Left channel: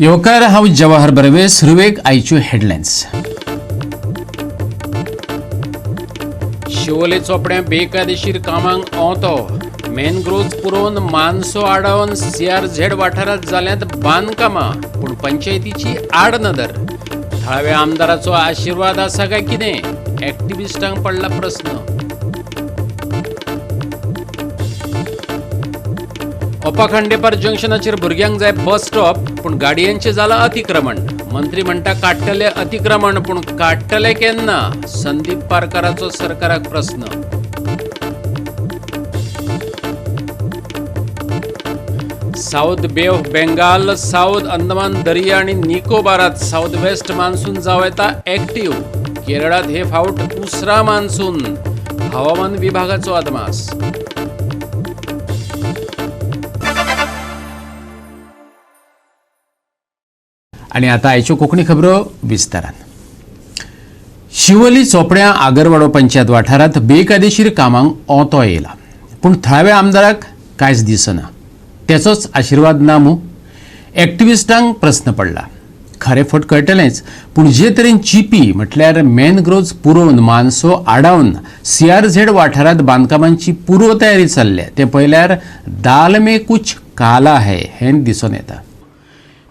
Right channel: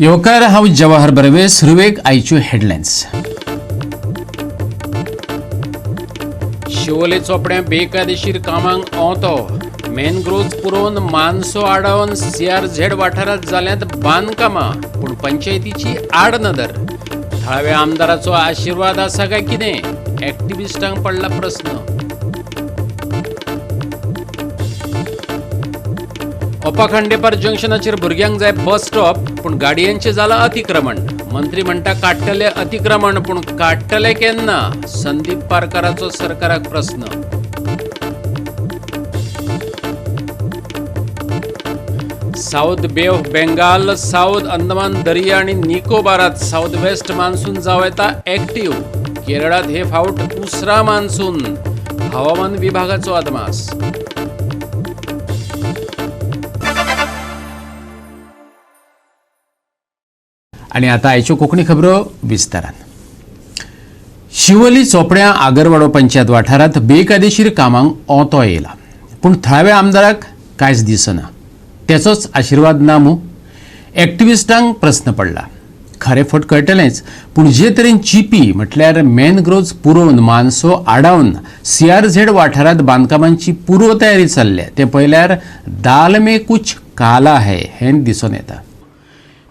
येवकार हांव जवाहर बर्वे. सुरवेक आयच्यो हेडलायन्स. शिवोले चोपड्या बेकायदेशीर कामांक ओंतो. मॅनग्रोव्ज पुरोवन मानसो आडावन CRZ वाठारांत जाल्यांत बांदकामां, पूण पंचायतीची आड नदर. थळाव्या आमदाराचो आशिर्वाद आसा काय कितें? एक्टिव्हिस्टांक पडला प्रस्न. ओपा खांडेपार जंक्शनाचेर भुरग्यांक जाय बस स्टॉप, पूण गाडयांचें जालां अतिक्रमण. मंत्री म्हणटा काडटले अतिक्रमण, पूण काडटले केन्ना? संदीप पारकाराचो सरकाराक प्रस्न. साउथ बे ऑफ बेंगाल, साउथ अंदमान दर्या आनी निकोबारात साउथ वेस्ट मान्सून जावं येता एक्टिव्ह. केरळात हे फावट उसरा मान्सून. हवामान विभागाचो अदमास. आणि आता आयच्यो कोंकणी खबरो विस्तारान. शिवोली चोपड्या आगरवाडो पंचायत वाठारांत बेकायदेशीर कामांक ओंतो येयला, पूण थळाव्या आमदाराक कांयच दिसना. तेचोच आशिर्वाद ना मूं? एक्टिव्हिस्टांक प्रस्न पडला. खरें फट कळटलेंच, पूण जे तरेन चिपी म्हटल्यार मॅनग्रोव्ज पुरोवन मानसो आडावन CRZ वाठारांत बांदकामांची पुर्व तयारी चल्ल्या तें पळयल्यार दाल में कुछ काला है हें दिसून येता.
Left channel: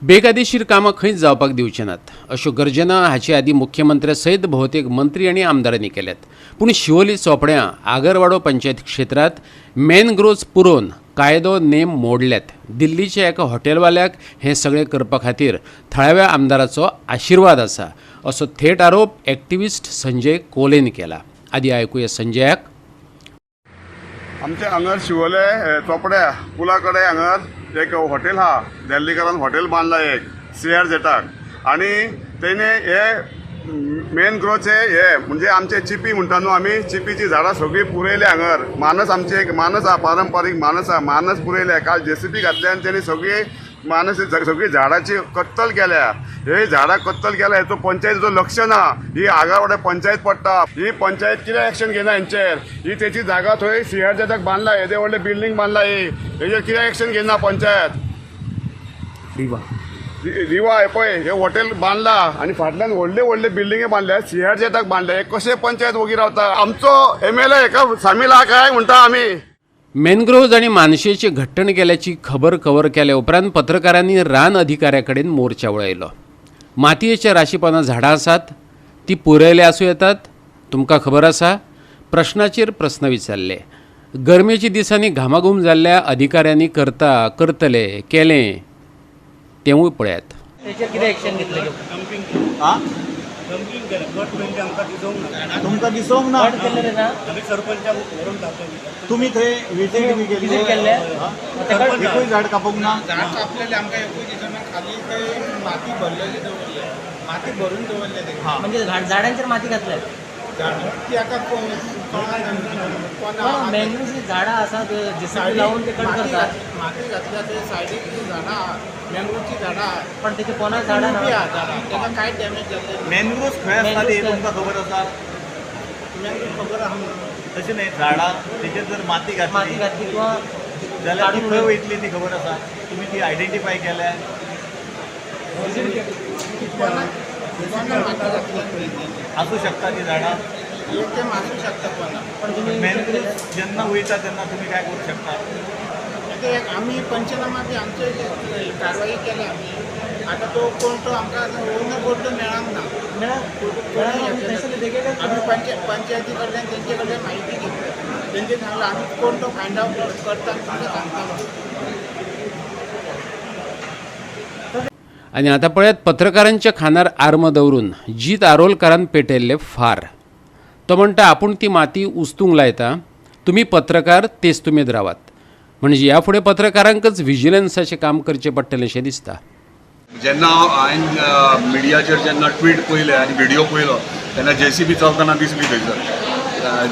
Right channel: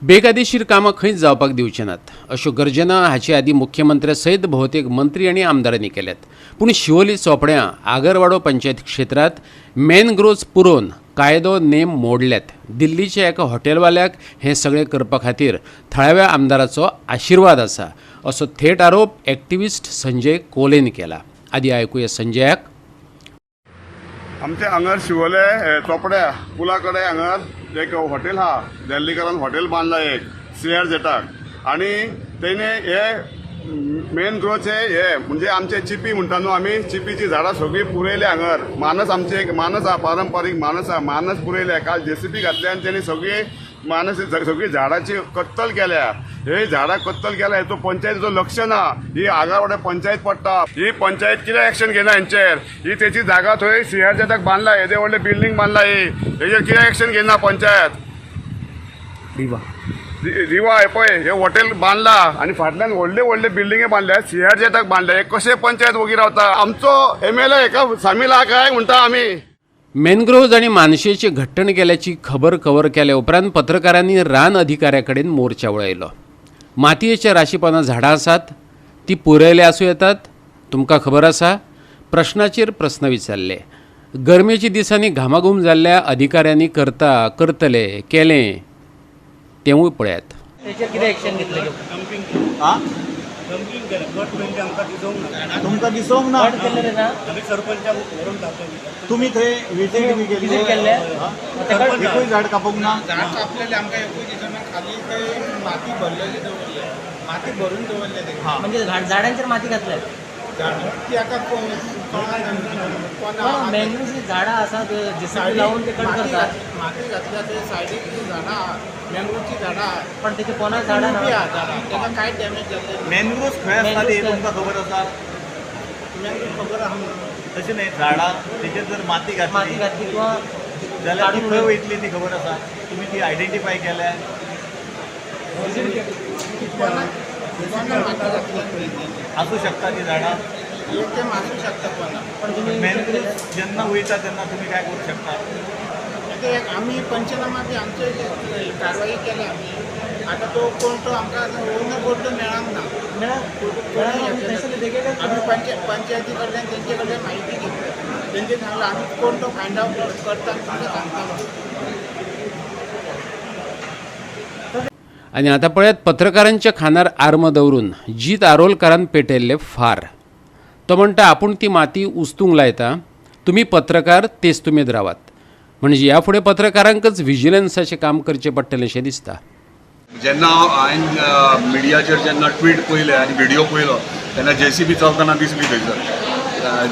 बेकायदेशीर कामां खंयच जावपाक दिवचे नात अश्यो गर्जना हाचे आदी मुख्यमंत्र्या सयत भोवतेक मंत्री आनी आमदारांनी केल्यात. पूण शिवोली चोपड्या आगरवाडो पंचायत क्षेत्रांत मॅनग्रोव्ज पुरोवन कायदो नेम मोडल्यात. दिल्लीच्या एका हॉटेलवाल्याक हें सगळें करपा खातीर थळाव्या आमदाराचो आशिर्वाद आसा असो थेट आरोप एक्टिव्हिस्ट संजय कोलेन केला. आदी आयकुया संजयाक. आमचे हांगर शिवोले चोपड्या पुला कडेन हांगर एक हॉटेल आहा. देल्लीकरान हॉटेल बांदला एक CRZाक, आनी तेणे हे मॅनग्रोव्जचे हे म्हणजे आमचे चिपी म्हणटा न्हू आमी, चिपीची झाडां सगळीं पुरयले हांगर. मानस आमचे एक मानस आहा, पारंपारीक मानस आहा, मानस पुरयले. काल JCB घातले आनी तेणी सगळी मानस सगळी झाडांची कत्तल केल्या. हे झाडां कत्तल केल्या हेचो पंचायतीचो लक्ष ना. ही आगावाडे पंचायत पडटा. ही पंचायत कितें एक्शन घेना हेंचेर? ही तेची जागा थंय CRZाक बांदला, येदे व्हडले बिल्डींग बांदला. ही हेचेर कितें एक्शन घेना पंचायत? रिवा हे पळय हे हॉटेल बांदला आनी फाटल्यान व्हडले व्हडले बिल्डिंगे बांदल्या, CRZाक बांदल्या. हे कशे पंचायत वगी रावता? आमचो MLA हेका सामील आहा काय म्हणटा आमी. मॅनग्रोव्ज आणि मानशेची घट्टण केल्याची खबर कव्हर केल्या उपरांत पत्रकारांनी रान अधिकाऱ्याकडेन मोर्चा वळयलो. मातयेच्या राशीपणां झाडां आसात, ती पुरयले आसूं येतात. तुमकां खबर आसा? प्रश्नाचेर प्रस्न विचारले. गरमेच्या दिसांनी घामाघूम जाल्ल्या अधिकाऱ्यांनी करतले केलें तेवूय पळयात. तुमकां दिसोंक ना? तुम्ही थंय विजीट केल्ले एकूय झाड कापूंक ना? झाड कापलेले आमकां एकूय दिसना. खाली थंय माती भरलेली दवरली, माती भरून दवरले. म्हणजे झाडांचेर माती घातल्या. ती आतां मॅनग्रोव्जची झाडां आसात, JCB लावून ते कट करतात. माती घातल्या थंय सायडीक ती झाडां आहा, मॅंगोची झाडां आहा, पण तेचे पोना झाडां ना. ताका कांय डॅमेज जाल्ले. मॅनग्रोव्ज खंय आसता ते तुमकां खबर आसा? मॅंगो खबर आहा. तशें न्हय, झाडां तेचेर जर माती घातली किंवा जाल्यार ती खंय वयतली ती खबर आसा? तुमी ती आयडेंटिफाय केल्या? आसूं शकता ती झाडां, ते मासूं शकता कोणा. मॅनग्रोव्ज जेन्ना वयता तेन्ना तुमी काय करूं शकता? ते एक आमी पंचनामा बी आमचे कारवाई केल्या आमी. आतां तो कोण तो आमकां ओनर बोर्ड मेळांक ना. आमी पंचायती कडल्यान तेंचे कडल्यान म्हायती घेतली. तेंचे सांगला आमी कोण तो फायंड आवट करता आनी तुमकां सांगता. आणि आता पळयात पत्रकारांच्या खानार आर्म दवरून जीत आरोलकारान पेटयल्ले फार. तो म्हणटा आपूण ती माती उस्तूंक लायता, तुमी पत्रकार तेच तुमेद रावात. म्हणजे ह्या फुडें पत्रकारांकच व्हिजिलन्साचें काम करचें पडटलें अशें दिसता. जेन्ना हांवें मिडियाचेर जेन्ना ट्वीट पळयले आनी व्हिडिओ पळयलो तेन्ना JCB चलतना दिसली थंयसर.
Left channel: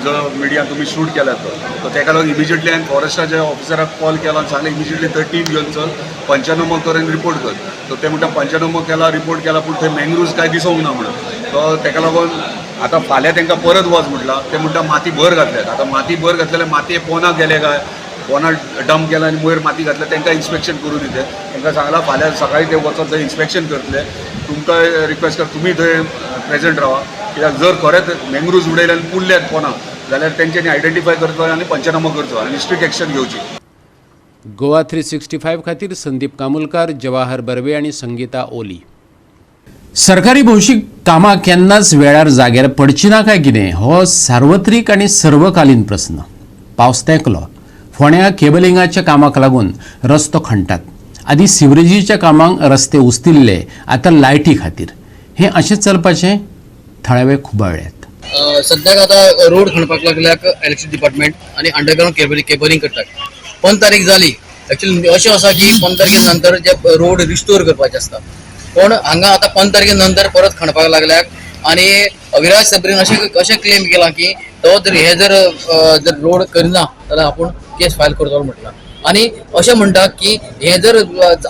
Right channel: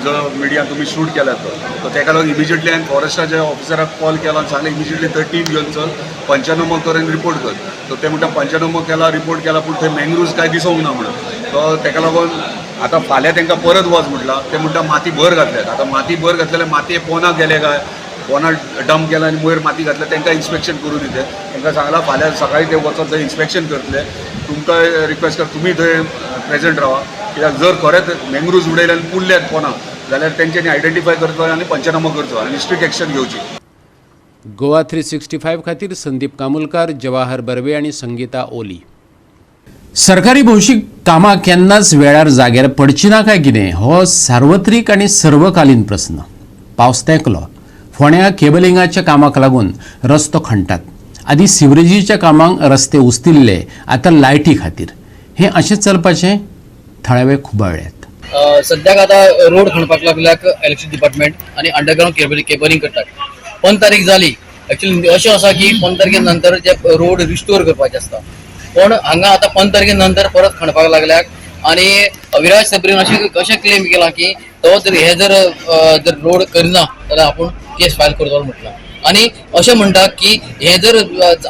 जो मिडिया तुमी शूट केला तो ताका लागून इमिजिएटली हांवें फॉरेस्टाच्या ऑफिसराक कॉल केलो आनी सांगलें इमिजिएटली थंय टीम घेवन चल, पंचनामो कर आनी रिपोर्ट कर. तो ते म्हणटा पंचनामो केला, रिपोर्ट केला, पूण थंय मॅंग्रोव्ज काय दिसूंक ना म्हणून. तो ताका लागून आतां फाल्यां तांकां परत वच म्हटलां. ते म्हणटा माती भर घातल्यात. आतां माती भर घातलेल्या मातये पोना गेले काय पोना डंप केला आनी वयर माती घातल्या तांकां इन्स्पेक्शन करून दिते. तांकां सांगलां फाल्यां सकाळीं ते वचोन थंय इन्स्पेक्शन करतले. तुमकां रिक्वेस्ट करता तुमी थंय प्रेझेंट रावा, कित्याक जर खरेंच मँग्रुव्ज उडयले आनी पुल्ल्यात पोना जाल्यार तेंच्यांनी आयडेंटिफाय करचो आनी पंचनामो करचो आनी स्ट्रिक्ट एक्शन घेवची. गोवा 365 खातीर संदीप कामुलकार, जवाहर बर्वे आणि संगीता ओली. सरकारी भौशीक कामां केन्नाच वेळार जाग्यार पडची ना काय कितें हो सार्वत्रिक आणि सर्वकालीन प्रस्न. पावस तेंकलो, फोंड्या केबलिंगाच्या कामाक लागून रस्तो खणटात. आदी सिवरेजीच्या कामांक रस्ते उस्तिल्ले, आता लायटी खातीर. हे अशें चलपाचें थळावे खुबाळ्यात. सद्याक आता रोड खणपाक लागल्याक इलेक्ट्रिसिटी डिपार्टमेंट आणि अंडरग्राउंड केबलिंग करतात. 5 तारीख जाली. ऍक्च्युअली अशें आसा की 5 तारखे नंतर जे रोड रिस्टोर करपाचे आसता, पण हांगा आता 5 तारखे नंतर परत खणपाक लागल्याक. आणि अविनाश सबरीन अशें क्लेम केला की तो जर हे जर रोड करिना जाल्यार आपूण केस फायल करतलो म्हटलं. आणि अशें म्हणटा की हे जर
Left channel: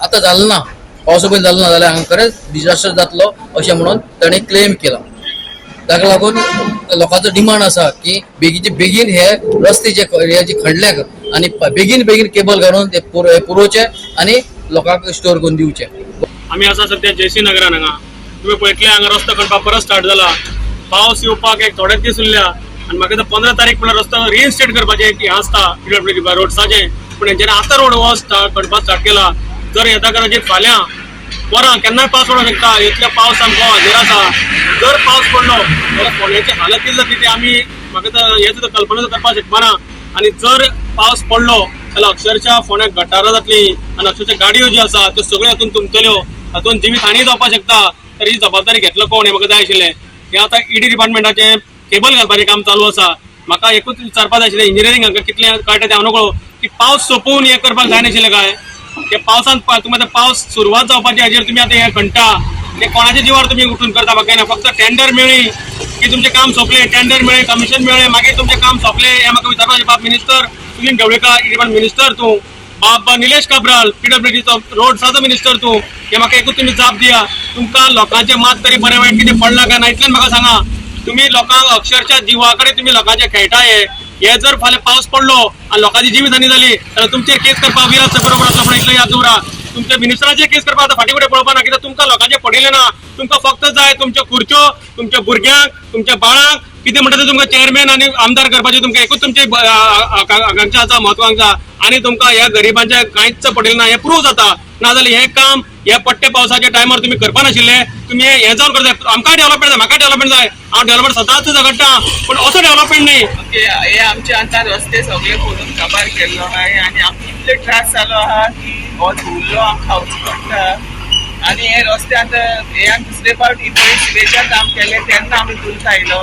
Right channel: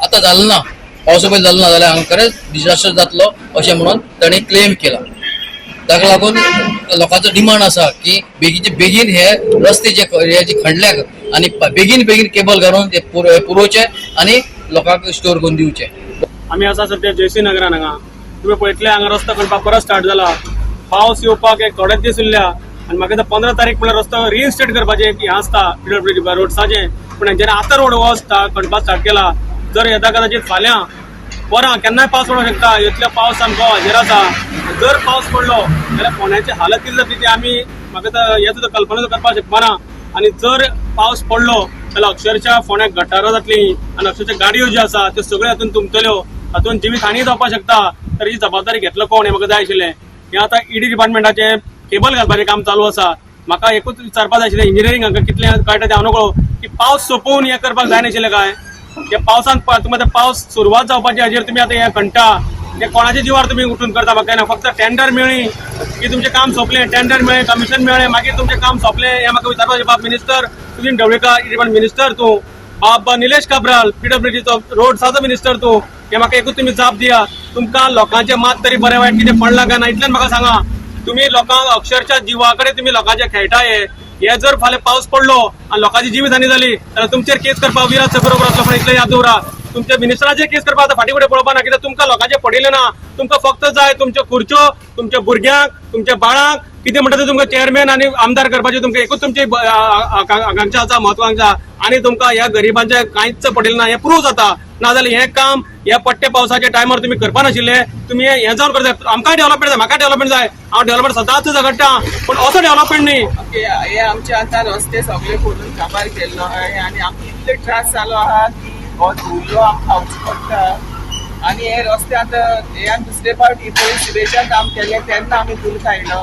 आता जालें ना, पॉसिबल जालें ना जाल्यार हांगा खरेंच डिजास्टर जातलो अशें म्हणून ताणें क्लेम केला. ताका लागून लोकांचो डिमांड आसा की बेगीचे बेगीन हे रस्ते जे खणल्याक आणि बेगीन केबल घालून ते पुरोवचे आणि लोकांक स्टोर करून दिवचे. आम्ही आसा सध्या जेसी नगरान हांगा. तुवें पळयतले हांगा रस्तो खणपाक परत स्टार्ट जाला. पावस येवपाक एक थोडेच दीस उरल्या आनी म्हाका 15 तारीख म्हळ्यार रस्तो रिइन्स्टेट करपाचें हें आसता PWD रोड्साचें. पूण हेंच्यांनी आतां रोड हो खणपाक स्टार्ट केला. जर येता कदाचित फाल्यां वरां केन्नाय पावस पडूंक शकता. इतलो पावस सामको हाजेर आसा. जर पावस पडलो जाल्यार फोंड्याची हालत कितें जातली ती आमी म्हाका हें सुद्दां कल्पना करपाक शकपाना. आनी जर पावस पडलो जाल्यार अक्षरशः फोंड्याक गटारां जातली आनी अक्षरशः गाडयो ज्यो आसा त्यो सगळ्यो हातून तुमतल्यो. हातून जिवीत हानी जावपाक शकता. तर ही जबाबदारी घेतलो कोण हें म्हाका जाय आशिल्लें. हें आतां ED डिपार्टमेंटाचें केबल घालपाचें काम चालू आसा. म्हाका एकूच विचारपाक जाय आशिल्लें इंजिनियरींग हांकां कितलें कळटा तें हांव नकळो की पावस सोंपून हें करपाक जाय नाशिल्लें काय. त्या पावसान तुमी आतां पावस सुरवात जावपाची हाजेर तुमी आतां हें खणटा. हें कोणाच्या जिवार तुमी उठून करता म्हाका ना. फक्त टेंडर मेळ्ळी की तुमचें काम सोंपलें, टेंडर मेळ्ळें, कमिशन मेळ्ळें, मागीर तुमचें काम सोंपलें हें म्हाका विचारपाचें. बाब minister Sunil Dhavalikar department minister तूं, बाब निलेश काब्राल PWDचो रोड्साचो मिनिस्टर तूं, हें म्हाका एकूच तुमी जाप दिया. तुमकां लोकांचें मात तरी बरें वायट कितें पडलां काय ना इतलेंच म्हाका सांगा. तुमी लोकांक अक्षरशः जिवा कडेन तुमी लोकांचे खेळटाय. हे जर फाल्यां पावस पडलो आनी लोकांची जिवीत हानी जाली जाल्यार तुमचेर केस करपाक विराट बरोबर आसलो. पण इतलें याद दवरा, तुमच्या मिनिस्टराचेर केस करपाक आतां फाटीं फुडें पळोवपा ना. कित्याक तुमकां लोकांचें पडिल्लें ना. तुमकां फक्त जाय तुमच्यो खुर्च्यो, तुमच्या भुरग्यांक, तुमच्या बाळांक कितें म्हणटा तें तुमकां चेअरमॅन आनी आमदार करपाचें. तुमकां एकूच तुमची आकांक्षा आसा, म्हत्वाकांक्षा. आनी तुमकां ह्या गरिबांचें कांयच पडिल्लें ना हें प्रूव जाता. नाजाल्यार हें काम ह्या पट्टे पावसाच्या टायमार तुमी करपा नाशिल्ले. तुमी हें जावन करता. आमकांय डेव्हलपमेंट जाय, म्हाका डेव्हलपमेंट जाय. हांव डेव्हलपमेंट सदांच झगडटा, पण असो डेव्हलपमेंट न्ही. हे आमचे आतां रस्ते सगळे खोदून काबार केल्लो आहाय आनी आमकां इतले त्रास जालो आहा की हो धुल्लो आमकां खावचो पडटा. आनी हे रस्ते आतां हे आमी दुसरे फावट पयलीं सिवेजान काम केलें तेन्ना आमी धुल्ल खायलो.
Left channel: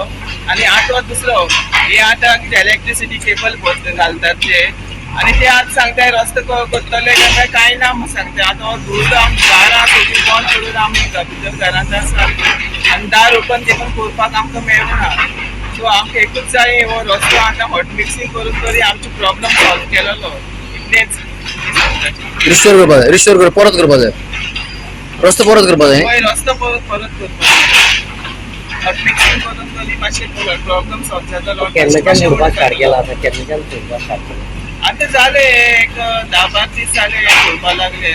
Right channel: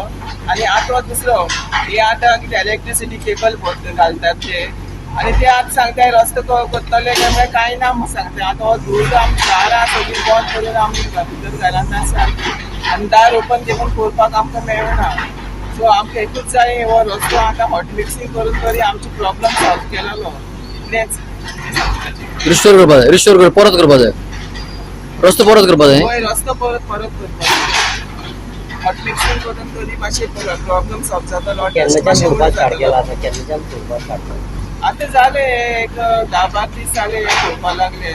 आनी आतां दुसरो हे आतां कितें इलेक्ट्रिसिटी केबल घालतात ते आनी ते आतां सांगताय रस्तो करतले काय कांय ना म्हूण सांगता. आतां हो धुल्ल आमी दारां सगळीं बंद करून आमी भितर घरांत आसा आनी दार ओपन देखून करपाक आमकां मेळना. सो आमकां एकूच जाय हो रस्तो आतां हॉट मिक्सिंग करून तरी आमचो प्रॉब्लम सॉल्व केलेलो. इतलेंच रिस्टोर करपाक परत करपाक जाय. रस्तो परत करपाक जाय. हय रस्तो परत करपाक जाय. हॉट मिक्सिंग करून तरी मातशें प्रॉब्लम सॉल्व जातलो. आतां जाले एक 10-12 दीस जाले करपा लागले.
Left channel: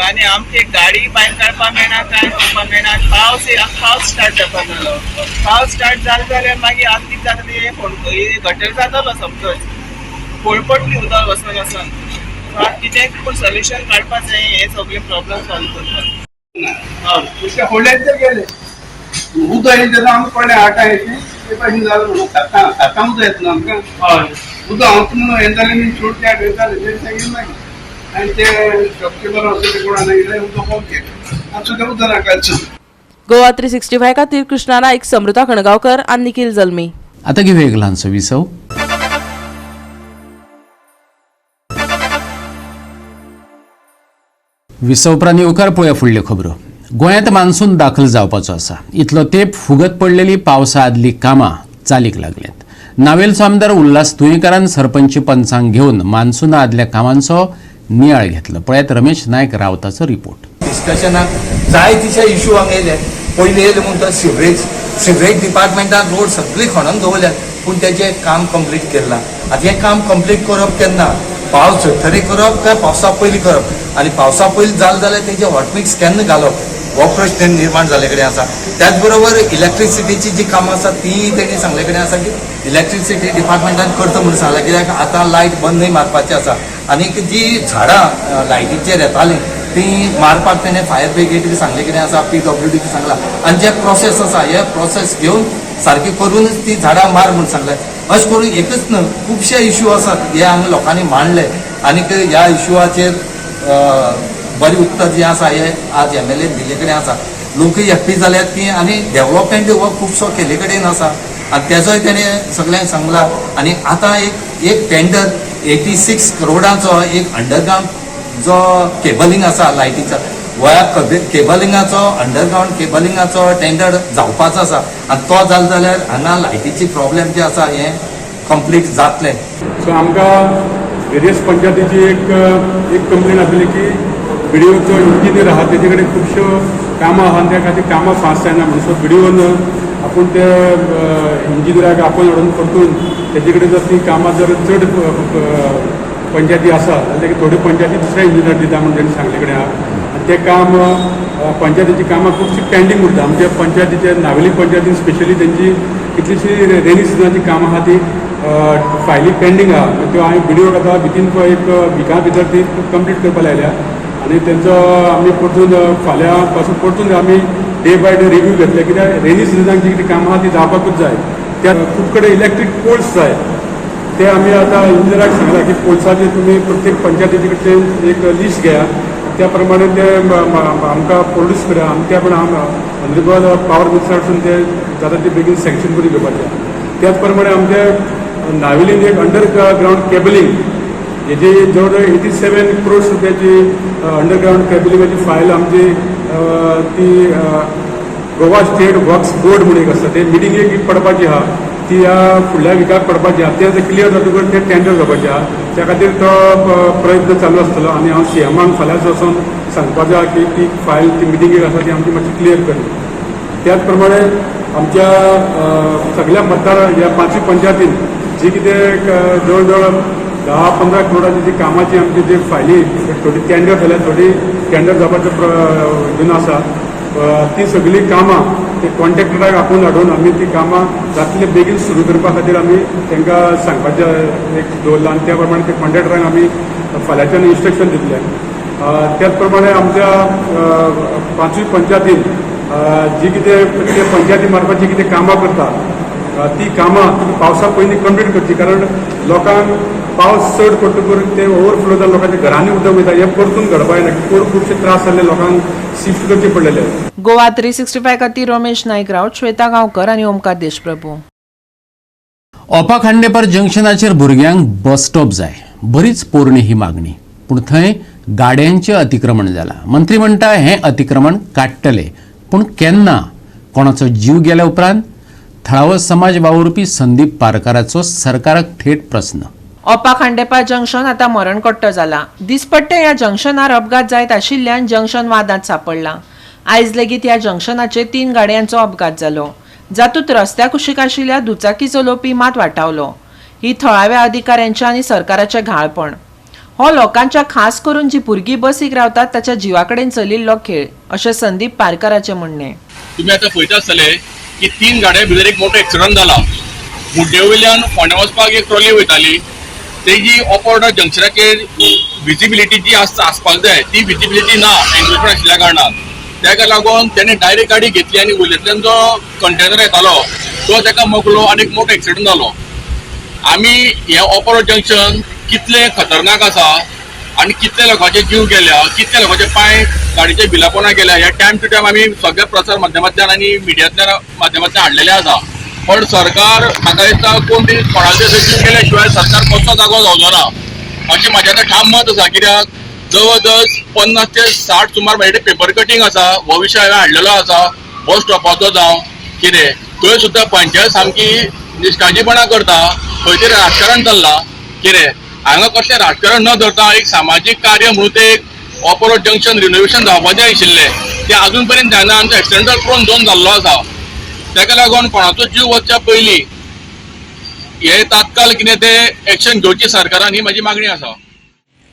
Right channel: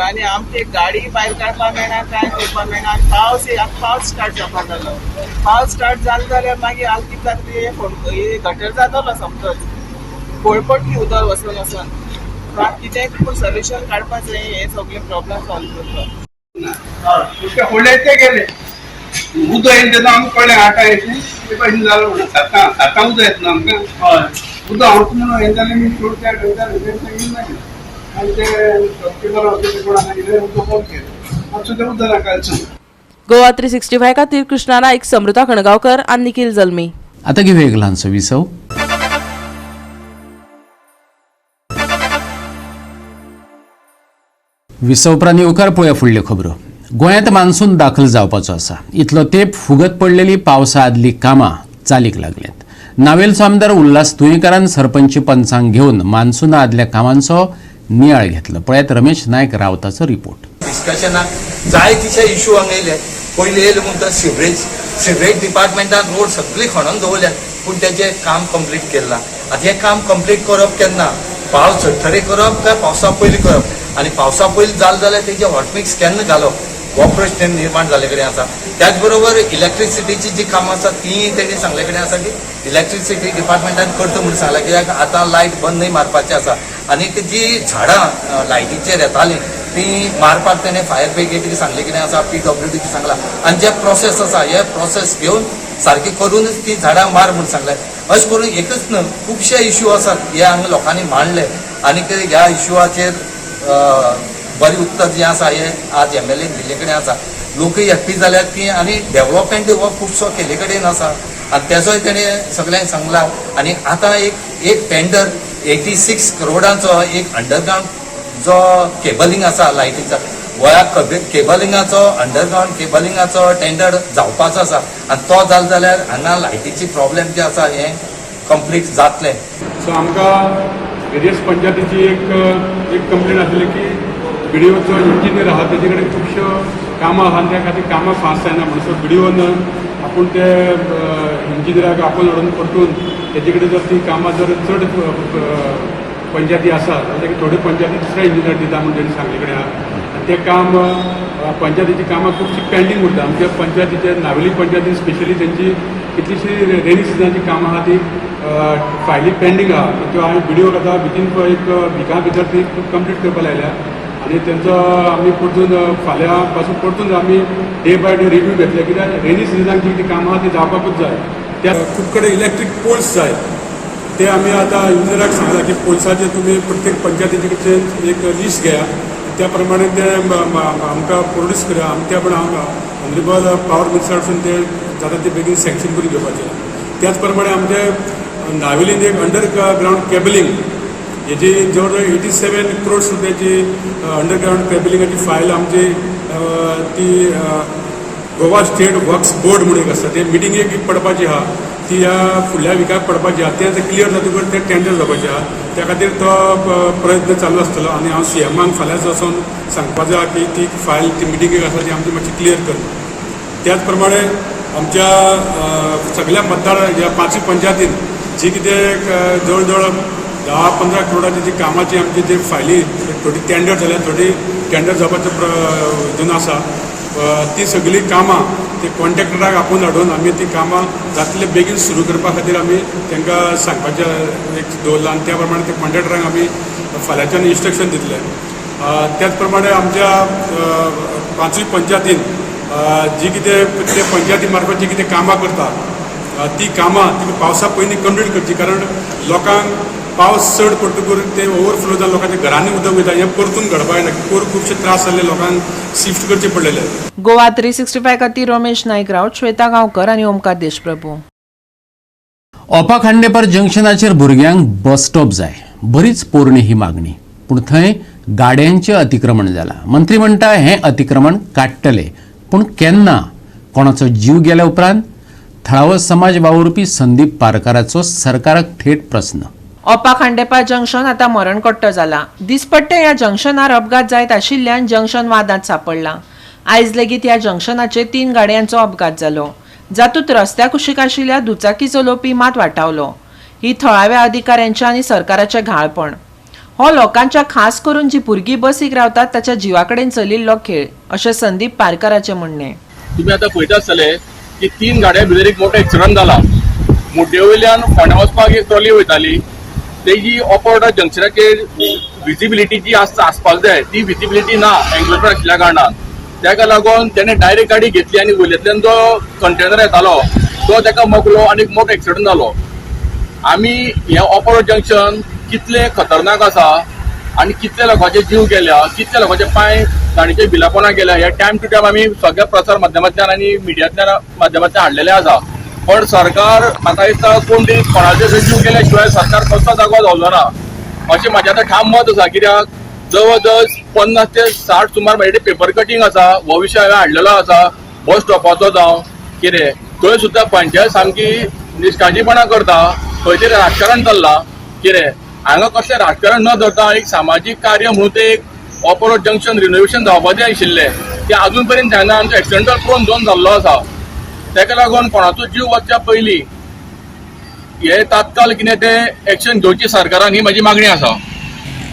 आनी आमची गाडी भायर काडपाक मेळना, कांय करपाक मेळना. पावस स्टार्ट जावपाक जालो. पावस स्टार्ट जालो जाल्यार मागीर हाल कितें जाता ते गटर जातालो समज पळपटली उदक वचून वचून. आतां कितें पूण सोल्युशन काडपाक जाय हे सगळे प्रॉब्लम सॉल्व करपाक. होड्याचे गेले उदक येईल तेन्ना आमकां कळ्ळें 8 ते भाशेन जालो म्हणून. आतां उदक येता आमकां. हय उदक हांवच म्हणून हें जालें न्ही चोड त्या घेताले ते सांगितलें मागीर आनी ते शॉपकीपर असो ते कोणा सांगितलें उदक बंद केलें. आतां सुद्दां उदक नाकालचो. गोवा 365 खातीर कृष्णा नायक, समृता खणगांवकर आनी निखिल जल्मी. आता घेऊया एक ल्हानसो विसव. विसव उपरांत येवकार पळोवया फुडल्यो खबरो. गोंयांत मान्सून दाखल जावपाचो आसा. इतलो तेंप फुगत पडलेली पावसा आदली कामां चालीक लागल्यात. नावेलचो आमदार उल्हास तुयेंकारान सरपंच पंचांक घेवन मान्सूना आदल्या कामांचो नियाळ घेतलो. पळयात रमेश नायक रावताचो रिपोर्ट. डिस्कशनाक जाय तिशे इश्यू हांगा येयले. पयलीं येयले म्हणून तो सिवरेज डिपार्टमेंटान रोड सगळी खणून दवरल्यात पूण तेजें काम कंप्लीट केलां. आतां हें काम कंप्लीट करप केन्ना पावस झडटरी करप काय पावसा पयलीं करप आनी पावसा पयलीं जालें जाल्यार तेजे हॉटमिक्स केन्ना घालप हो प्रश्न निर्माण जाले कडेन आसा. त्याच बरोबर इलेक्ट्रिसिटीची जी कामां आसा ती तेणी सांगले कडेन आसा की इलेक्ट्रिसिटी डिपार्टमेंटान करता म्हणून सांगला, कित्याक आतां लायट बंदय मारपाची आसा आनी जी झाडां लायटीचेर येतालीं ती मारपाक तेणें फायर ब्रिगेडीक सांगले कितें आसा, PWDक सांगला आनी जे प्रोसेस आसा हे प्रोसेस घेवन सारकी करूनच ती झाडां मार म्हणून सांगले. अशें करून एकच न्हय खुबशे इश्यू आसात हे हांगा लोकांनी मांडले आनी ह्या इश्यूआचेर बरें उत्तर जें आसा हे आज MLA दिल्ले कडेन आसा. लोकय हॅप्पी जाल्यात की आनी डेव्हलपमेंट हो खुबसो केले कडेन आसा आनी तेजोय तेणें सगळ्यांक सांगला. आनी आतां एक टेंडर 86 करोडाचो एक अंडरग्रावंड जो केबलिंग आसा लायटीचा गोंया केबलिंगाचो अंडरग्रावंड केबलिंगाचो टेंडर जावपाचो आसा आनी तो जालो जाल्यार हांगा लायटीची प्रॉब्लेम जे आसा हें कंप्लीट जातलें. सो आमकां वेरियस पंचायतीची एक कंप्लेन आसली की BDOचो इंजिनियर आहा तेजे कडेन खुबश्यो कामां आहा त्या खातीर कामां फास्ट जायना म्हणून. सो BDOन आपूण ते इंजिनियराक आपोवन हाडून परतून तेजे कडेन जर ती कामां जर चड पंचायती आसा जाल्यार थोड्यो पंचायती दुसऱ्या इंजिनियर दिता म्हणून तेणी सांगले कडेन आहा. ते काम पंचायतीची कामां खुबशी पेंडींग उरता. आमच्या पंचायतीचे नावेली पंचायतीन स्पेशली तेंची कितलीशी रेनी सिजनाची कामां आहा ती फायली पेंडींग आहा. त्यो हांवें BDOक आतां भितर एक विका भितर ती कंप्लीट करपा लायल्या आनी तेंचो आमी परतून फाल्यां पासून परतून आमी डे बाय डे रिव्यू घेतले, कित्याक रेनी सिजनाक जी कितें कामां आहा ती जावपाकूच जाय. त्या खूब कडेन इलेक्ट्रीक पोल्स जाय ते आमी आतां इंजिनियराक सांगला की पोल्साचे तुमी प्रत्येक पंचायतीचे कडच्यान एक लिस्ट घेया, त्या प्रमाणे ते आमकां प्रोड्यूस करा. आमी त्या प्रमाणे ऑनरेबल पावर मिनिस्टरासून ते जाता ते बेगीन सँक्शन करून घेवपाचें. त्याच प्रमाणे आमचे नावेलीन एक अंडरग्रावंड केबलिंग हेजी जवळ जवळ 87 करोड रुपयाची अंडरग्रावंड केबलिंगाची फायल आमची ती गोवा स्टेट वर्क्स बोर्ड म्हणून एक आसा ते मिटिंगेक पडपाची आहा, ती ह्या फुडल्या विकाक पडपाची आहा. तें क्लियर जातकच तें टेंडर जावपाचें आहा. त्या खातीर तो प्रयत्न चालू आसतलो आनी हांव CMाक फाल्यांच वचून सांगपाचें आहा की ती फायल ती मिटिंगेक आसा ती आमची मातशी क्लियर करली. त्याच प्रमाणे आमच्या सगळ्या मतदार ह्या 5 पंचायतीन जी कितें जवळ जवळ 10-15 करोडाची जी कामाची आमची जी फायली थोडी टेंडर जाल्या थोडी टेंडर जावपाचो हितून आसा ती सगळीं कामां ते कॉन्ट्रॅक्टराक आपोवन हाडून आमी ती कामां जातले बेगीन सुरू करपा खातीर आमी तांकां सांगपाचें एक दवरलां आनी त्या प्रमाणे त्या कॉन्ट्रॅक्टरांक आमी फाल्यांच्यान इन्स्ट्रक्शन दितले. त्याच प्रमाणे आमच्या 5 पंचायतीन जी कितें ते पंचायती मार्फत जी कितें कामां करता ती कामां पावसा पयलीं कंप्लीट करची, कारण लोकांक पावस चड पडटकूच ते ओवरफ्लो जावन लोकांच्या घरांनी उदक वयता हें परतून घडपा येना. परत खुबशे त्रास जाल्ले लोकांक शिफ्ट करचे पडलेले. गोवा 365 खातीर रमेश नायक रावत, श्वेता गांवकर आनी ओमकार देशप्रभू. ओपा खांडेपार जंक्शनाचेर भुरग्यांक बस स्टॉप जाय, बरीच पोरणी ही मागणी, पूण थंय गाड्यांचें अतिक्रमण जालां. मंत्री म्हणटा हें अतिक्रमण काडटले, पूण केन्ना? कोणाचो जीव गेल्या उपरांत? थळावो समाज वावुरपी संदीप पारकाराचो सरकाराक थेट प्रस्न. ओपा खांडेपार जंक्शन आतां मरणकट्टो जाला. दिसपट्टे ह्या जंक्शनार अपघात जायत आशिल्ल्यान जंक्शन वादांत सांपडलां. आयज लेगीत ह्या जंक्शनाचेर 3 गाडयांचो अपघात जालो, जातूंत रस्त्याक कुशीक आशिल्ल्या दुचाकी चलोवपी मात वाटावलो. ही थळाव्या अधिकाऱ्यांचे आनी सरकाराचें घाळपण. हो लोकांच्या खास करून जी भुरगीं बसीक रावतात ताच्या जिवा कडेन चलिल्लो खेळ, अशें संदीप पारकाराचें म्हणणें. तुम्ही आता पळयता आसतले की 3 गाड्या भितर एक मोठो एक्सिडंट जाला. मुड्डे वयल्यान फोंड्या वचपाक एक ट्रॉली वयताली, तेजी ऑपोर्डर जंक्शनाचेर विजिबिलिटी जी आसपाक जाय ती विजिबिलिटी ना एन्क्रोचमेंट आशिल्ल्या कारणान. ताका लागून तेणें डायरेक्ट गाडी घेतली आनी वयल्यातल्यान जो कंटेनर येतालो तो ताका मोकलो आनी एक मोठो एक्सिडंट जालो. आमी हें ऑपोर्डर जंक्शन कितलें खतरनाक आसा आनी कितल्या लोकांचे जीव गेल्या, कितल्या लोकांचे पांय गाडीच्या बिलापोना गेल्या हे टायम टू टायम आमी सगळ्या प्रसार माध्यमांतल्यान आनी मिडियांतल्या माध्यमांतल्यान हाडलेले आसा. पण सरकार म्हाका दिसता कोण तरी कोणाचे जीव गेल्या शिवाय सरकार कसो जागो जावचो ना अशें म्हाजें आतां ठाम मत आसा. कित्याक जवळ जवळ 50 ते 60 सुमार म्हाजे पेपर कटींग आसा, हो विशय हांवें हाडलेलो आसा बस स्टॉपाचो जावं कितें. थंय सुद्दां पंचायत सामकी निश्काळजीपणां करता, खंय तरी राजकारण चल्लां कितें. हांगा कसलें राजकारण न धरता एक सामाजीक कार्य म्हणून ते एक ऑपोरोड जंक्शन रिनोवेशन जावपाचें आशिल्लें तें आजून पर्यंत जायना. आमचो एक्सिडेंटल प्रोन झोन जाल्लो आसा. ताका लागून कोणाचो जीव वचच्या पयलीं हे तात्काळ कितें तें एक्शन घेवची सरकारान ही म्हाजी मागणी आसा.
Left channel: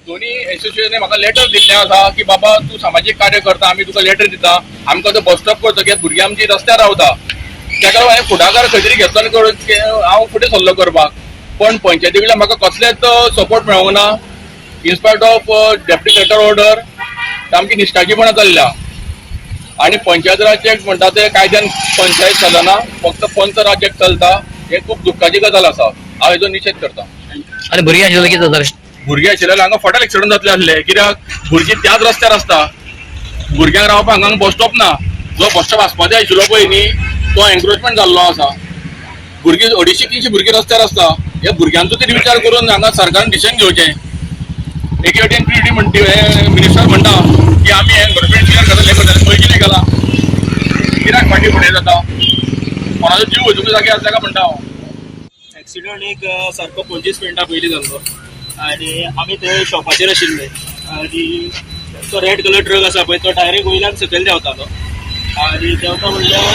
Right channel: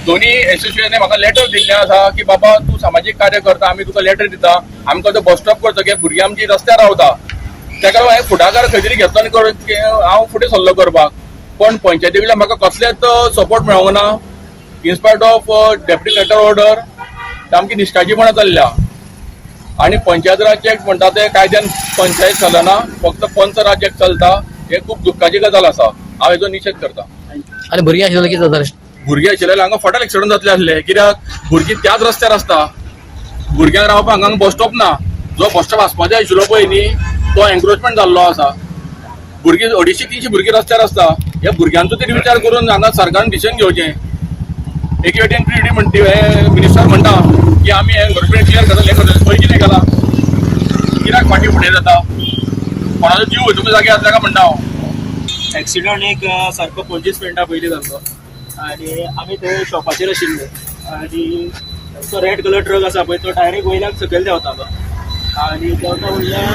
दोन्ही एसोसिएशनान म्हाका लेटर दिल्लें आसा की बाबा तूं सामाजीक कार्य करता, आमी तुका लेटर दिता, आमकां तो बस स्टॉप करतकीर भुरगीं आमची रस्त्यार रावता. तेका लागून हांवें फुडाकार खंय तरी घेतलो आनी हांव फुडें सरलो करपाक. पण पंचायती कडल्यान म्हाका कसलेच सपोर्ट मेळोंक ना. इन्स्पायट ऑफ डेप्युटी कलेक्टर ऑर्डर आमची निश्काळजीपणां चल्ल्या. आणि पंचायत राज ऍक्ट म्हणटा ते कायद्यान पंचायत चलना, फक्त पंच राज ऍक्ट चलता. ही खूब दुख्खाची गजाल आसा. हांव हेजो निशेध करता. आणि भुरगीं आशिल्लें कितें जातालें? भुरगे आशिल्ले हांगा फाटल एक्सिडंट जातले आसले. कित्याक भुरगीं त्याच रस्त्यार आसता. भुरग्यांक रावपाक हांगा बस स्टॉप ना. जो बस स्टॉप आसपाचो आशिल्लो पळय न्ही तो एन्क्रोचमेंट जाल्लो आसा. भुरगीं 250-300 भुरगीं रस्त्यार आसता. ह्या भुरग्यांचो तरी विचार करून हांगा सरकारान डिसिजन घेवचें. एके वटेन पीडी म्हणटी मिनिस्टर म्हणटा की आमी एन्क्रोचमेंट क्लियर करतले खंय कितें केलां? कित्याक फाटीं फुडें जाता? कोणाचो जीव वचूंक जागे आसा ताका म्हणटा हांव. एक्सिडंट एक सारको 25 मिनटां पयलीं जाल्लो आनी आमी थंय शॉपाचेर आशिल्ले आनी तो रेड कलर ट्रक आसा पळय तो डायरेक्ट वयल्यान सकयल देंवतालो आनी देंवता म्हणल्यार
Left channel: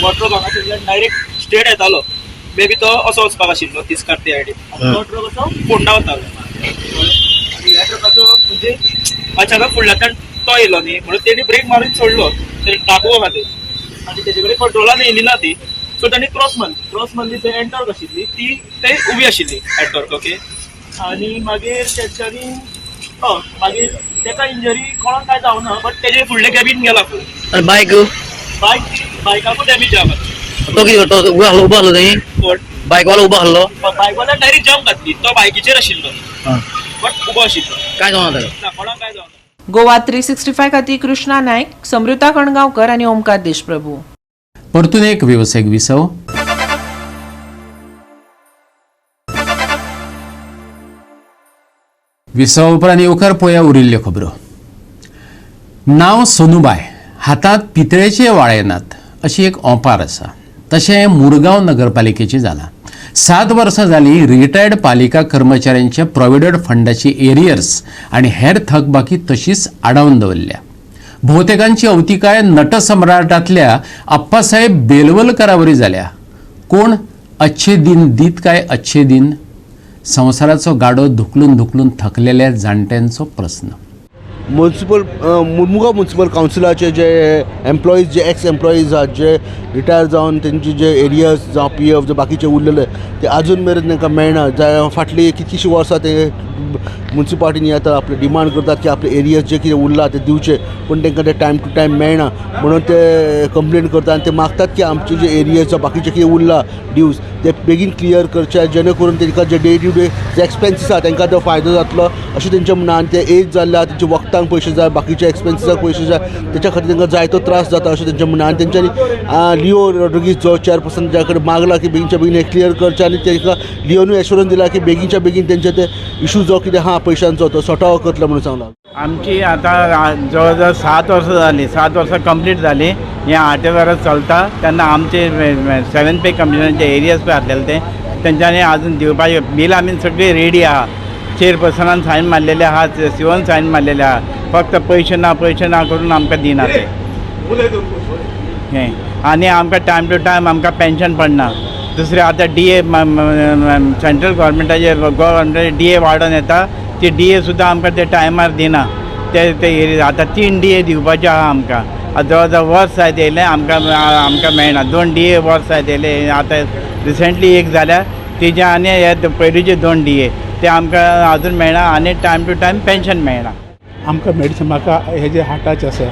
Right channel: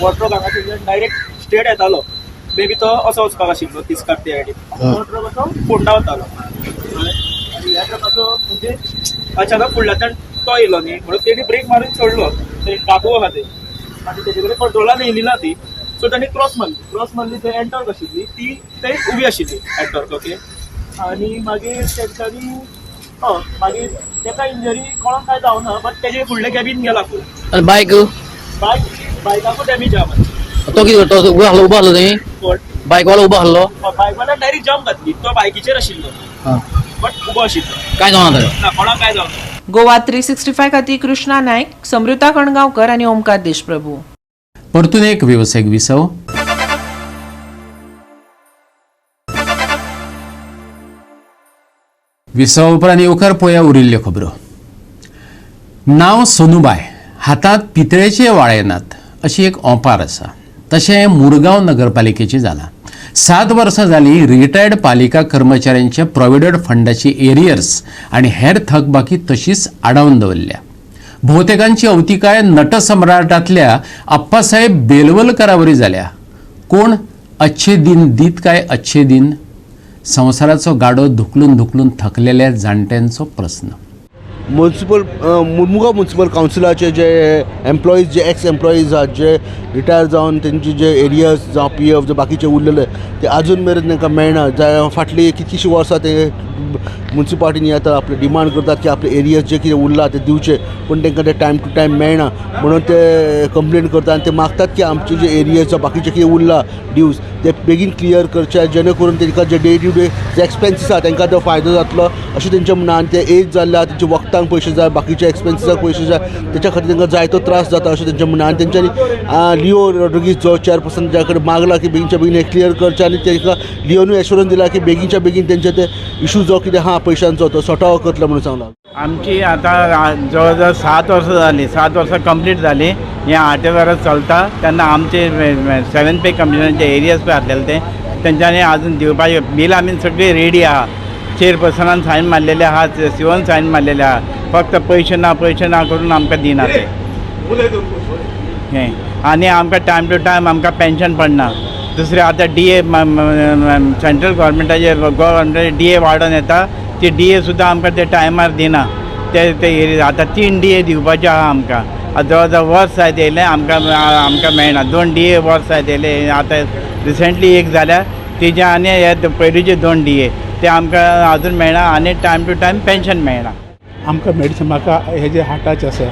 हो ट्रक हांगासरल्यान डायरेक्ट स्ट्रेट येतालो. मे बी तो असो वचपाक आशिल्लो तिस्कार ते सायडीन. तो ट्रक असो फोंडा वतालो आनी ह्या ट्रकाचो म्हणजे अचानक फुडल्यातल्यान तो येयलो न्ही म्हणून तेणी ब्रेक मारून सोडलो. ते टाकू आहा ते आनी तेजे कडेन कंट्रोलान येयली ना ती. सो तांणी क्रॉस मारली ते एंटॉर्क आशिल्ली ती ते उबी आशिल्ली एंटॉर्क. ओके. आनी मागीर तेंच्यांनी मागीर तेका इंजरी कोणाक काय जावना बट तेजे फुडले कॅबीन गेला फूल. आणि बायकाकूच डॅमेज आहा. तो कितें करता? उबो आहलो न्ही? बायकवालो उबो आहलो? बायकवाल्यान डायरेक्ट जंप घातली. तो बायकीचेर आशिल्लो बट उबो आशिल्लो. काय जावना ताका? ना कोणाक काय जावना. गोवा 365 खातीर कृष्णा नायक, समृता कणगांवकर आनी ओमकार देशप्रभू. परतून एक व्यावसायिक विसव. विसव उपरांत येवकार पळोवया उरिल्ल्यो खबरो. नांव सोनूबाय, हातांत पितळेचे वाळेनात अशी एक ओंपार आसा. तशें मुरगांव नगरपालिकेची जालां. 7 वर्सां जालीं रिटायर्ड पालिका कर्मचाऱ्यांच्या प्रॉव्हिडंट फंडाची एरियर्स आनी हेर थकबाकी तशीच आडावन दवरल्या. भोवतेकांची अवतिकाय नटसम्राटांतल्या अप्पासाहेब बेलवलकरावरी जाल्या. कोण अच्छे दिन दीत काय अच्छे दिन? संवसाराचो गाडो धुकलून धुकलून थकलेल्या जाणट्यांचो प्रस्न. मुरमुगांव म्युनिसिपल कावन्सिलाचे जे एम्प्लॉईज जे एक्स एम्प्लॉईज आहात जे रिटायर जावन तेंचे जे एरियर्स जावं PF जे बाकीचे उरलेले ते अजून मेरेन तांकां मेळना. फाटली कितलींशीं वर्सां ते म्युनिसिपालिटीनी आतां आपले डिमांड करतात की आपले एरियर्स जे कितें उरला ते दिवचे पूण तांकां ते टायम टू टायम मेळना म्हणून ते कंप्लेन करतात आनी ते मागतात की आमचे जे एरियर्स जावं बाकीचे कितें उरला ड्यूज ते बेगीन क्लियर करचे जेणे करून तांकां जे डे टू डे जे एक्सपेन्सीस आसा तांकां तो फायदो जातलो अशें तेंचें म्हणणें. आनी ते एज जाल्ल्या तेंचे वखदांक पयशे जाय बाकीच्या एक्सपेन्सिसाक पयशे जाय तेच्या खातीर तांकां जायतो त्रास जाता अशें तेंचें म्हणणें. आनी तेंच्यांनी लिओ रॉड्रिगीज जो चेअरपर्सन ज्या कडेन मागला की बेगीनच्या बेगीन हे क्लियर करचे आनी तांकां लिओनूय एश्युरन्स दिला की बेगीनच्या बेगीन तेंचे ते इशू जो कितें आहा पयशांचो तो सॉर्ट आउट करतलो म्हणून सांगला. आमची आता जवळजवळ 7 वर्सां जाली. 7 वर्सां कंप्लीट जाली. हे 8 वर्स चलता तेन्ना आमचे 7 पे कमिशनाचे एरियाज पळय आसलेले ते तेंच्यांनी आजून दिवपाचे बील आमी सगळी रेडी आहा. चेअरपर्सनान सायन मारलेले आहा, सीओन सायन मारलेले आहा. फक्त पयशे ना करून आमकां दिना ते हें. आनी आमकां टायम टू टायम आमकां पेन्शन पडना. दुसरें आतां DA सेंट्रल गव्हर्मेंटाचे DA वाडोवन येता ती DA सुद्दां आमकां ते टायमार दिना. ते आतां 3 DA दिवपाचे आहा आमकां. जवळ वर्स जायत येयलें आमकां मेळना. 2 DA वर्स जायत येयले. आतां रिसेंटली एक जाल्या तेजे आनी हे पयलींचे 2 DA ते आमकां आजून मेळना आनी टायम टू टायम पेन्शन मेळना. आमकां मेडिसीन म्हाका हे जे हार्टाचे आसा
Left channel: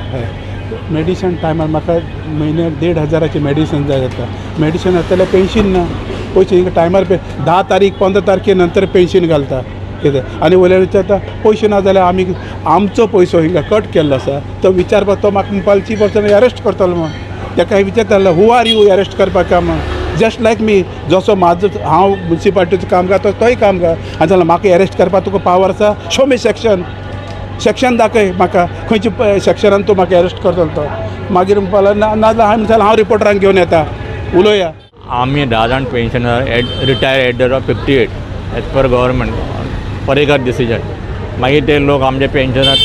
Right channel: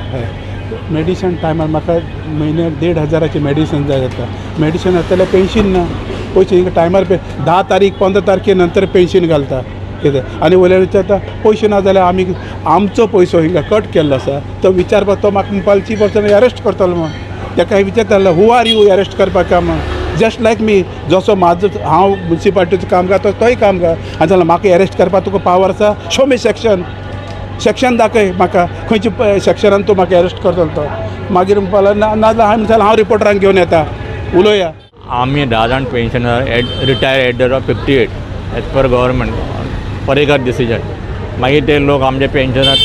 मेडिसीन टायमार म्हाका म्हयन्याक 1,500 मेडिसीन जाय जाता. मेडिसीन जाल्यार पेन्शन ना. पयशे टायमार 10 तारीख 15 तारखे नंतर पेन्शन घालता कितें आनी वयल्यान विचारता पयशे ना जाल्यार आमी आमचो पयसो हिंगा कट केल्लो आसा तो विचारपाक तो म्हाका मुन्सिपालिटी पर्सन अरेस्ट करतलो म्हण. ताका विचारतालो हू आर यू अरेस्ट करपाक म्हण. जस्ट लायक मी जसो म्हाजो हांव मुन्सिपालिटीचो काम करता तोय काम कर आनी जाल्यार म्हाका अरेस्ट करपाक तुका पावर आसा. शो मी सेक्शन दाखय म्हाका खंयच्या सेक्शनान तूं म्हाका अरेस्ट करतलो तो. मागीर म्हणपाक नाजाल्यार हांव रिपोर्टरांक घेवन येता उलोवया. आमी 10 जाण pensioner retire at the of 58 age पर गव्हर्मेंट परेकर डिसिजन. मागीर ते लोक आमचे पेन्शनर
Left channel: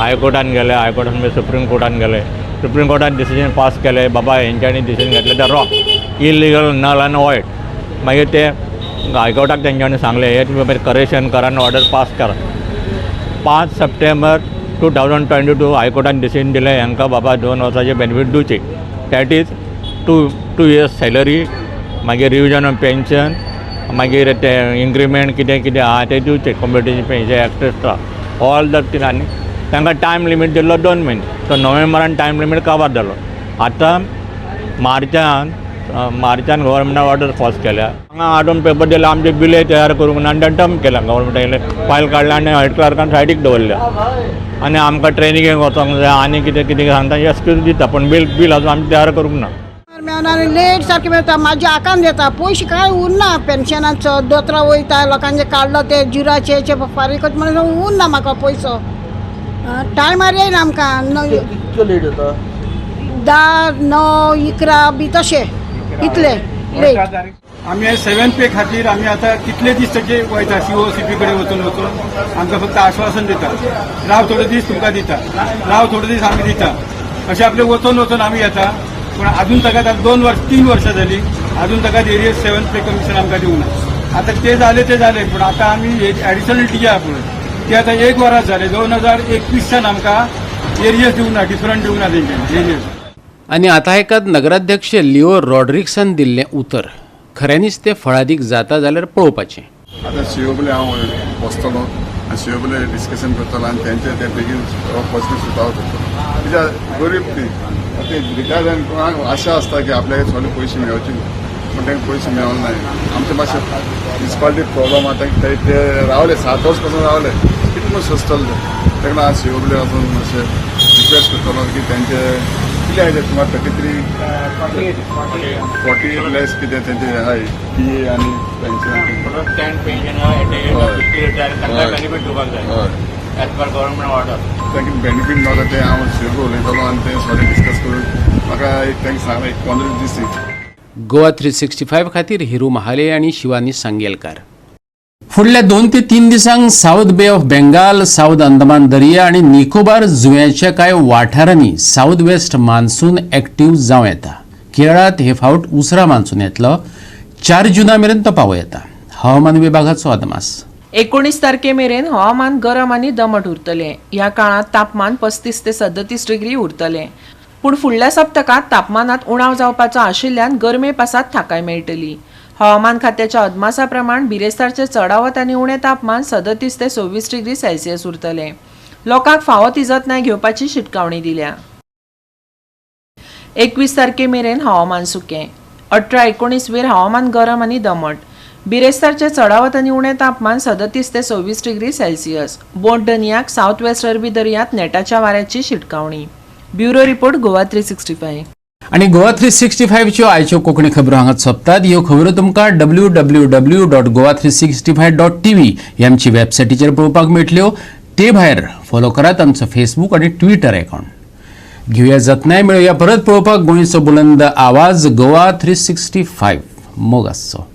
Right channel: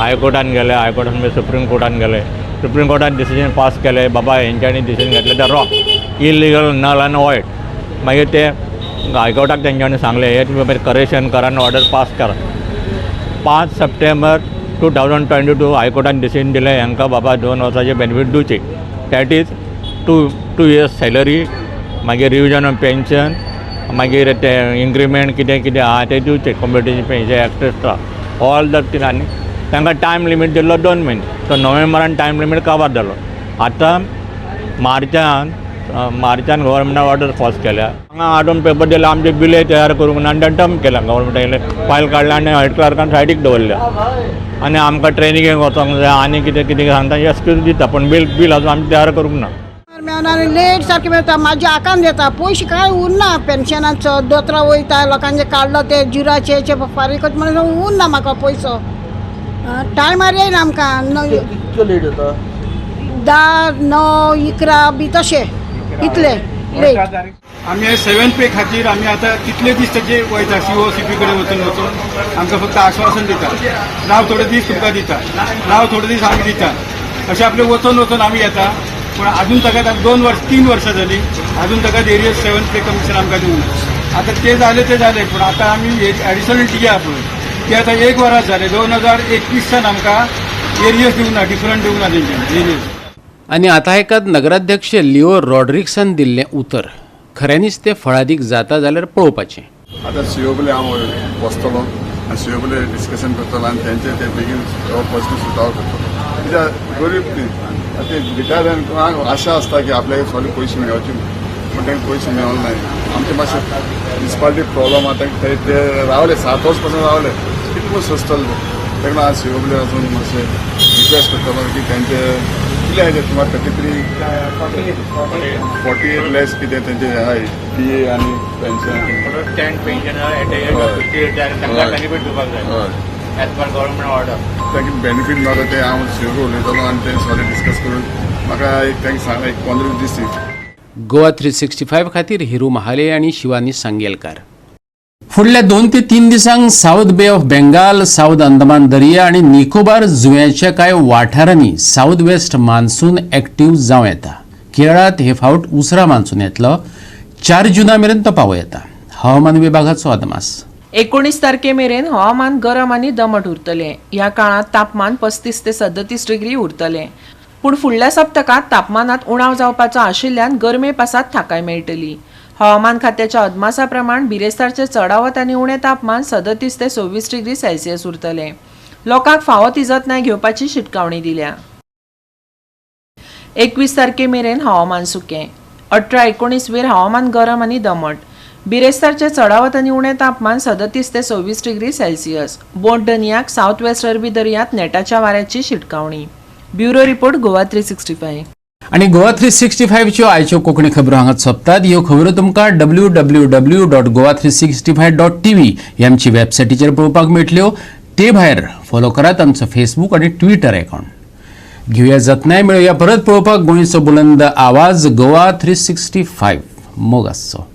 हायकोर्टान गेले. हायकोर्टान सुप्रीम कोर्टान गेले. सुप्रीम कोर्टान डिसिजन पास केले बाबा हेंच्यांनी डिसिजन घेतले ते रॉंग इलिगल नल आनी वॉयड. मागीर ते हायकोर्टाक तेंच्यांनी सांगले हे तुमी करेक्शन करा आनी ऑर्डर पास करा. 5 सप्टेंबर 2022 हायकोर्टान डिसिजन दिलें हांकां बाबा 2 वर्सांचे बेनिफीट दिवचे. That is two years salary, मागीर रिविजन ऑफ पेन्शन, मागीर ते इन्क्रिमेंट कितें कितें आहा तें दिवचे, competition pension extra all the thing. आनी तांकां टायम लिमीट दिल्लो 2 म्हयने. तो नोव्हेंबरान टायम लिमीट कवर जालो. आतां मार्चान गव्हर्मेंटान ऑर्डर पास केल्या. हांगा हाडून पेपर दिले, आमचे बिले तयार करूंक ना आनी डंप केला गव्हर्मेंटान. फायल काडला आनी हेड क्लर्कान सायडीक दवरल्या. आनी आमकां ट्रेनिंगेक वचोंक जाय आनी कितें कितें सांगता एक्सक्यूज दिता, पूण बील अजून आमी तयार करूंक ना. लेट सारखे मेळटा, म्हाज्या हाकान देता, पयशे कांय उरना पेन्शनाचो. दोतोरां वयता, लोकांचे काडलो ते जुराचे फारीक म्हणून उरना म्हाका पयसो. टायमार येयना आमकां. कितलो लेट जाता? 10, 9, 11 बी तशें इतले लेट. आमी हे 7th पे खातीर आमी आतां कितले दीस तेचे वयता COCP कडेन वचून आमकां फक्त आश्वासन दिता, राव थोडे दीस तुमकां दिता, राव थोडे दीस आमी दिता, अशें आपले वचून आमी येता. पूण अजून ताका 3 वर्सां जालीं, अजून ताका एरियस 7th पे कमिशन आमकां दिवना. आतां ते जाले पूण आतां आमी एडिशनल DA पळय ते आतां 1 वरां जाले. 2021सान आमकां एरियस दिवना, डिफरंट दिवना तेंच्यानी एरियस. आणि आता एकात नगराध्यक्ष लिओ रॉड्रिक्सन दिल्लें उतर खऱ्यांनीच ते फळादीक जाता जाल्यार पळोवपाचें. आतां COकडे हांव बसतलो आनी COकडे डिस्कशन करतलो आनी तेंचे ते बेगीन पर्सनल सुट आवट करतलो. कित्याक गरीब ती ते रिटायर जावन आशा आसता की आपल्याक सगळे पयशे मेळचे, पूण तांकां पयशे मेळोंक ना. आमचे मातशें म्युनिसिपालिटी प्रॉब्लम आतां ते रावले 7 वर्स पासून रावले, कितें म्हूण सोंसतले. ताका लागून हांव COकडे वचून मातशें रिक्वेस्ट करतलो की तेंचे कितले आहे तुम्हाला 48 लेस कितें तेंचे हाय PA आनी पेन्शन तांकां बेनिफीट मेळटा ते हांव COकडे उलयतलो आनी ते सगळें डिस्कस करून म्हाका तांकां सांगला 15 दीस. गोवा 365 खातीर हिरू महाले आणि शिवानी सांगेलकार. फुडल्या 2 ते 3 दिसांक साऊथ बे ऑफ बेंगाल, साऊथ अंदमान दर्या आणि निकोबार जुंव्याच्या कांय वाठारांनी साऊथ वेस्ट मान्सून एक्टिव्ह जावं येता. केरळात हे फावट उसरा मान्सून येतलो. 4 जुना मेरेन तो पावो येता. हवामान विभागाचो अदमास. 19 तारखे मेरेन हवामान गरम आनी दमट उरतलें. ह्या काळात तापमान 35 ते 37 डिग्री उरतलें. पूण फुडल्या सप्तकात तापमानात उणाव जावपाचो आशिल्ल्यान गर्मे पासात थाकाय मेळटली. हवामान खात्याच्या अदमासा प्रमाण बिरेस्तारचे चडावत आनी उणें तापमान 37 ते 24 डिग्री सेल्सियस उरतलें. लोकांक फावो ती जतनाय घेवपाची शिटकावणी दिल्या. 21 तारखे मेरेन हवामान सुकें. 18-19 वेर हवामान गरम आनी दमट. बिरेस्तारचे चडावत आनी उणें तापमान 37 ते 24 डिग्री सेल्सियस. बोट दर्याक साऊथ वेस्ट अरबी दर्यांत नेटाच्या वाऱ्याची शिटकावणी. Bureau report Goa 365. आणि गोवा 365 च्यो आयच्यो कोंकणी खबरो हांगाच सोंपतात. ह्यो खबरो तुमकां www.goa365.tv ह्या आमची वेबसायटीचेर पळोवपाक मेळटल्यो. ते भायर फॉलो करात आमचो फेसबूक आनी ट्विटर अकाउंट. घेवया जतनाय मेळुया परत पळोवपाक गोंयचो बुलंद आवाज गोवा 365 मोग आसचो.